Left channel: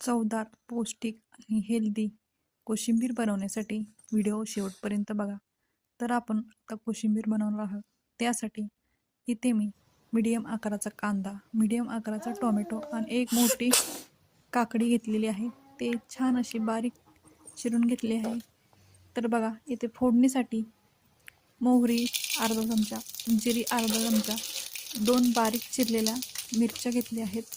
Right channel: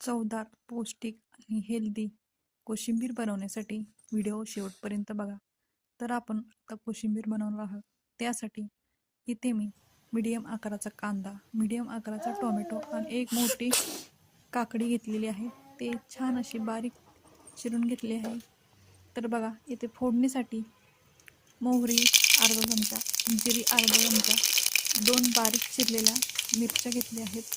चवदार, पौष्टिक आणि हेल्दी कोशिंबीर बनवण्यासाठी व्हिडिओ शेवटपर्यंत बघा. तर आपण आता कोशिंबीर बनवणार आहोत. त्यासाठी इथे मी मीडियम आकाराचा कांदा, मीडियम आकाराचा टोमॅटो आणि एक मोठी काकडी घेतलेली आहे. ते छान अशी बारीक चिरून घेतली आहे. तर बघा, इथे फोडणीसाठी मोहरी अर्धा चमचा, जिरी अर्धा चमचा, 2 बारीक चिरलेल्या मिरच्या घेतल्या आहेत.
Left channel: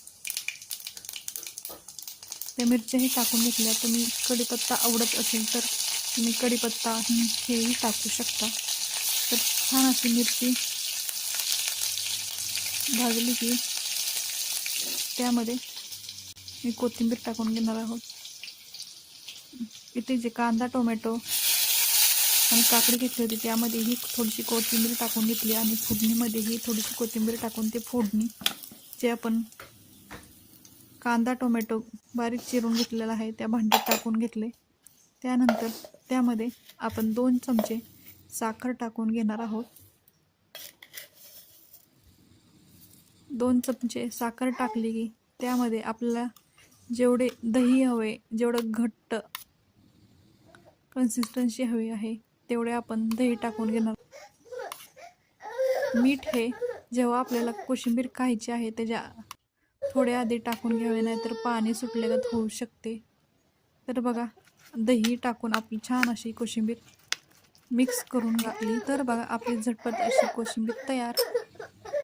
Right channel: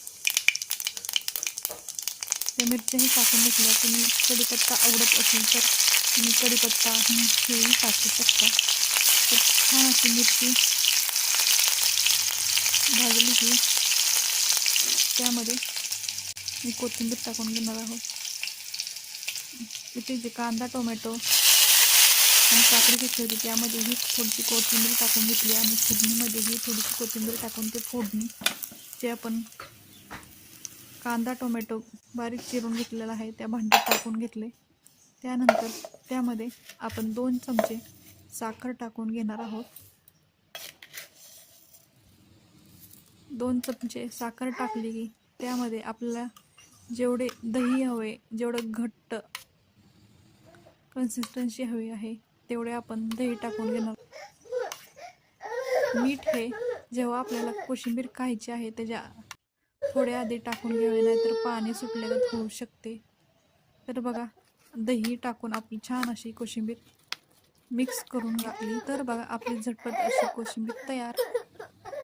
त्या मिरच्याही टाकून घेतल्या. तुम्ही कढीपत्ता आवडत असेल तर तुम्ही कढीपत्ता हिंगही टाकू शकता. तर छान अशी मिरची भाजली की त्यामध्ये मी कोथिंबीर टाकून घेणार आहोत. इथे जे कांदा, टोमॅटो आणि काकडी घेतली होती त्यामध्येही थोडीशी कोथिंबीर टाकून घेतली आणि फोडणीमध्येही थोडीशी कोथिंबीर टाकून ते फोडणी जे आपण कांदा टोमॅटो बारीक चिरून घेतलेला आहे त्या भांड्यात टाकून घेतले. त्यानंतर त्यामध्ये आपण 2 चमचे साखर टाकून घेणार आहोत. 2 चमचे साखर टाकली की त्यामध्ये आपल्याला जेवढे दही हवे, जेवढं घट्ट कन्सिस्टन्सी हवी आहे तेवढे आपण दही टाकून घेणार. मीठ हे जेव्हा आपल्याला कोशिंबीर खायची आहे त्याच्या थोड्या आधी टाकून घ्यावे, नाहीतर पाणी सुटल्यागत होऊ शकते. तर बघा, दही टाकून आपली छान अशी कोशिंबीर मिक्स करून घातली. तर बघा, आपली झटपट अशी कोशिंबीर तयार.